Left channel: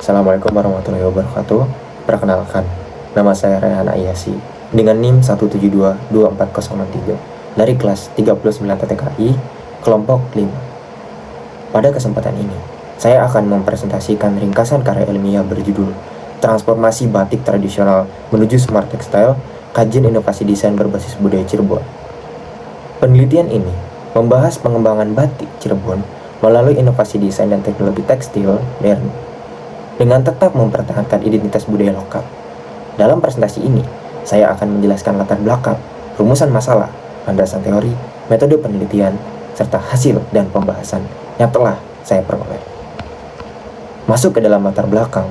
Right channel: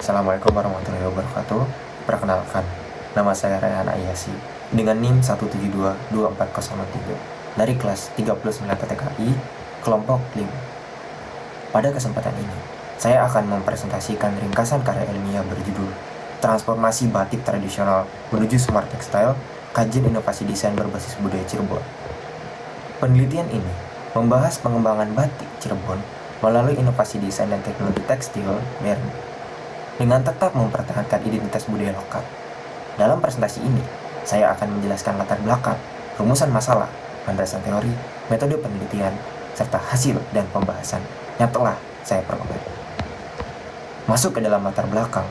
Assalamualaikum warahmatullahi wabarakatuh. Perkenalkan, nama saya Rayhan Ayasi dengan NIM 1722403 dari kelas 39 TTKI, kelompok 5. Pada kesempatan ini, saya akan mempresentasikan ringkasan karya ilmiah berjudul Transformasi Batik Tradisional Menuju Smart Textile, Kajian Inovasi Desain Berbasis Budaya Cirebon. Penelitian ini membahas pengembangan batik Cirebon melalui inovasi desain dan teknologi tekstil modern dengan tetap mempertahankan identitas budaya lokal. Dalam presentasi ini, saya akan menjelaskan latar belakang, rumusan masalah, landasan teori, metode penelitian, serta hasil dan pembahasan yang telah saya peroleh. Masuk ke dalam latar belakang,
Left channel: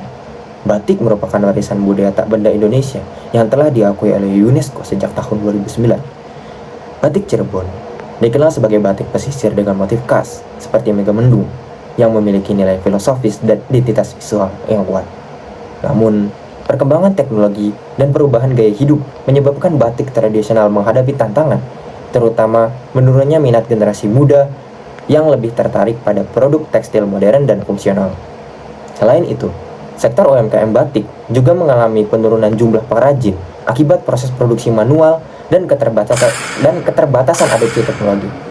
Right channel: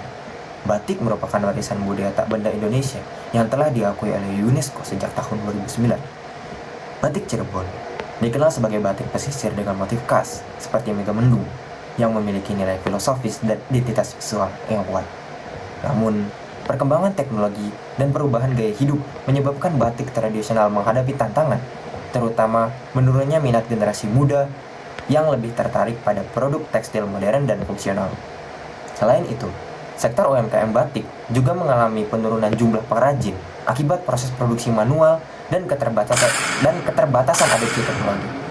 batik merupakan warisan budaya tak benda Indonesia yang telah diakui oleh UNESCO sejak tahun 2009. Batik Cirebon dikenal sebagai batik pesisir dengan motif khas seperti megamendung yang memiliki nilai filosofis dan identitas visual yang kuat. Namun, perkembangan teknologi dan perubahan gaya hidup menyebabkan batik tradisional menghadapi tantangan, terutama menurunnya minat generasi muda yang lebih tertarik pada produk tekstil modern dan fungsional. Selain itu, sektor UMKM batik juga mengalami penurunan jumlah pengrajin akibat proses produksi manual dan keterbatasan adopsi teknologi.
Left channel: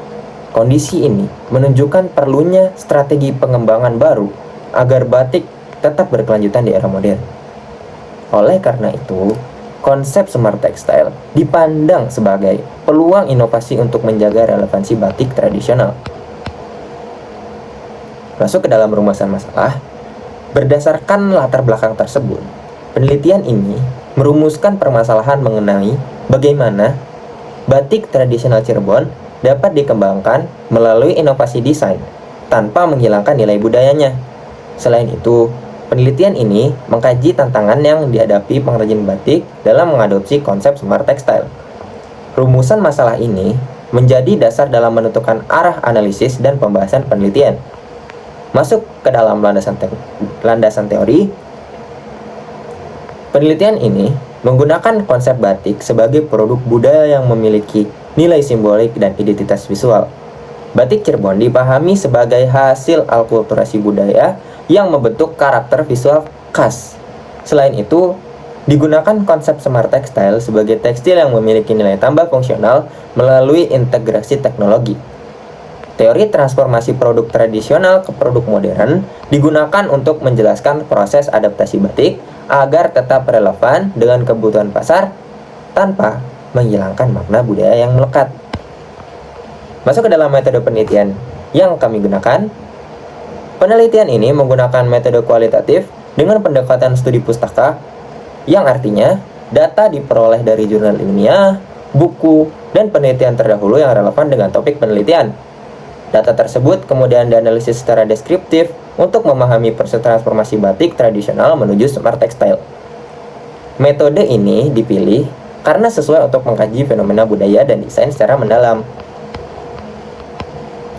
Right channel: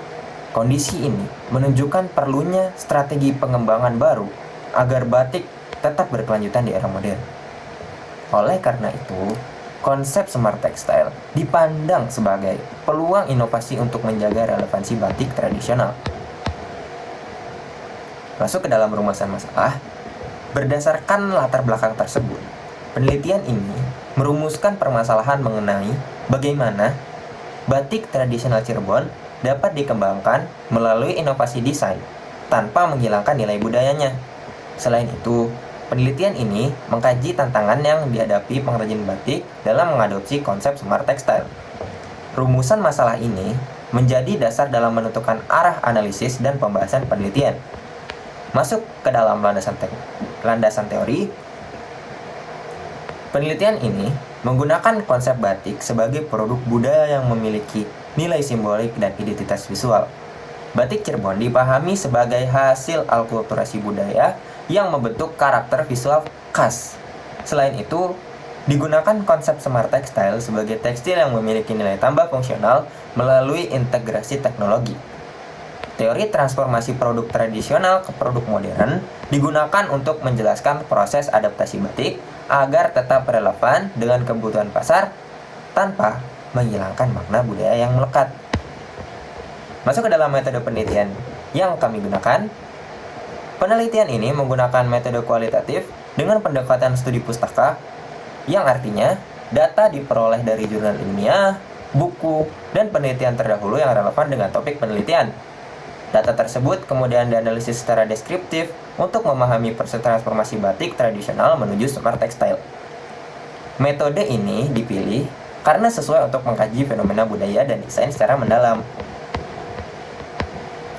Kondisi ini menunjukkan perlunya strategi pengembangan baru agar batik tetap berkelanjutan di era modern. Oleh karena itu, konsep smart textile dipandang sebagai peluang inovasi untuk menjaga relevansi batik tradisional. Masuk ke dalam rumusan masalah, berdasarkan latar belakang tersebut, penelitian ini merumuskan permasalahan mengenai bagaimana batik tradisional Cirebon dapat dikembangkan melalui inovasi desain tanpa menghilangkan nilai budayanya. Selain itu, penelitian ini mengkaji tantangan yang dihadapi pengrajin batik dalam mengadopsi konsep smart textile. Rumusan masalah ini menjadi dasar dalam menentukan arah analisis dan pembahasan penelitian. Masuk ke dalam landasan teori, penelitian ini menggunakan konsep batik sebagai produk budaya yang memiliki nilai simbolik dan identitas visual. Batik Cirebon dipahami sebagai hasil alkulturasi budaya yang membentuk karakter visual khas. Selain itu, digunakan konsep smart textile sebagai tekstil yang memiliki nilai tambah fungsional melalui integrasi teknologi. Teori transformasi produk tradisional ke produk modern digunakan untuk menjelaskan proses adaptasi batik agar tetap relevan dengan kebutuhan pasar tanpa menghilangkan makna budaya yang melekat. Masuk ke dalam metode penelitian yang kami gunakan. Penelitian ini menggunakan metode kualitatif dengan pendekatan studi pustaka, yang artinya data diperoleh dari jurnal ilmiah, buku, dan penelitian terdahulu yang relevan dengan topik penelitian. Data tersebut kemudian dianalisis secara deskriptif untuk memahami proses transformasi batik tradisional menuju smart textile. Metode ini dipilih karena sesuai untuk mengkaji fenomena budaya dan desain secara mendalam.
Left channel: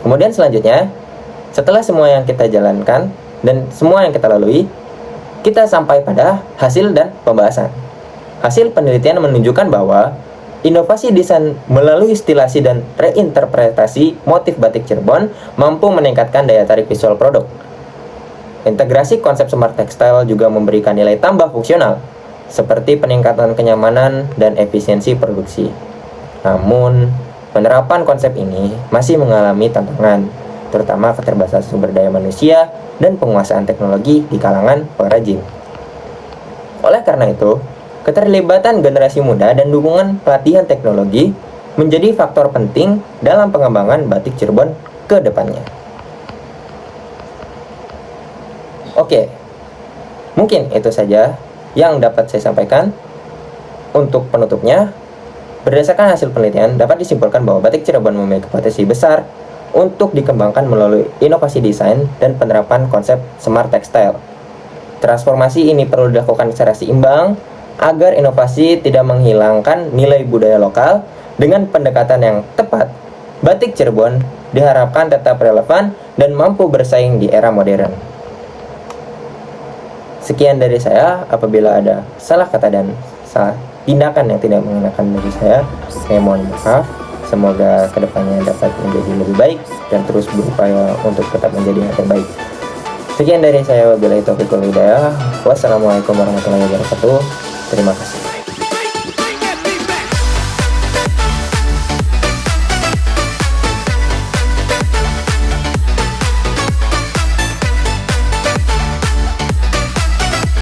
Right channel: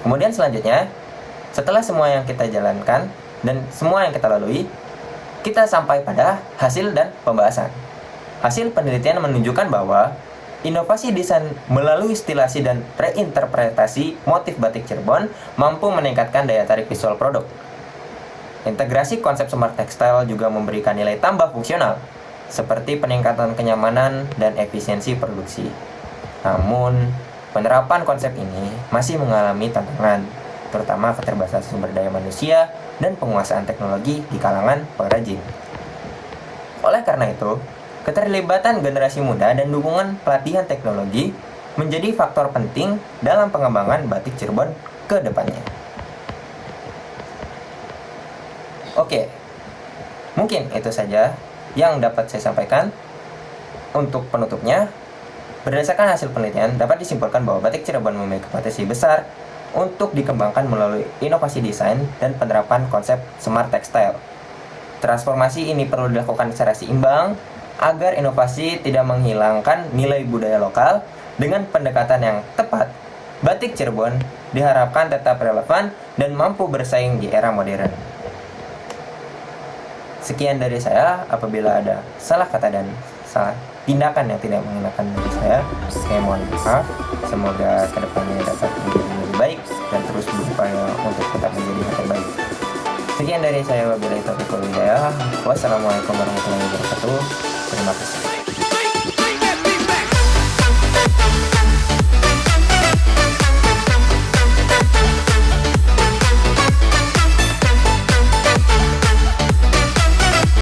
Kemudian selanjutnya, setelah semua yang kita jalankan dan semua yang kita lalui, kita sampai pada hasil dan pembahasan. Hasil penelitian menunjukkan bahwa inovasi desain melalui stilasi dan reinterpretasi motif batik Cirebon mampu meningkatkan daya tarik visual produk. Integrasi konsep smart textile juga memberikan nilai tambah fungsional, seperti peningkatan kenyamanan dan efisiensi produksi. Namun, penerapan konsep ini masih mengalami tantangan, terutama keterbatasan sumber daya manusia dan penguasaan teknologi di kalangan pengrajin. Oleh karena itu, keterlibatan generasi muda dan dukungan pelatihan teknologi menjadi faktor penting dalam pengembangan batik Cirebon ke depannya. Oke, mungkin itu saja yang dapat saya sampaikan. Untuk penutupnya, berdasarkan hasil penelitian dapat disimpulkan bahwa batik Cirebon memiliki potensi besar untuk dikembangkan melalui inovasi desain dan penerapan konsep smart textile. Transformasi ini perlu dilakukan secara seimbang agar inovasi tidak menghilangkan nilai budaya lokal. Dengan pendekatan yang tepat, batik Cirebon diharapkan tetap relevan dan mampu bersaing di era modern. Sekian dari saya. Apabila ada salah kata dan salah tindakan yang tidak mengenakan dari saya mohon maaf. Semoga kedepannya dapat menjadi lebih baik dan terus berupaya untuk tetap menjadi yang terbaik. Sekian dari saya, wabillahi taufiq wal hidayah. Wassalamualaikum warahmatullahi wabarakatuh. Terima kasih.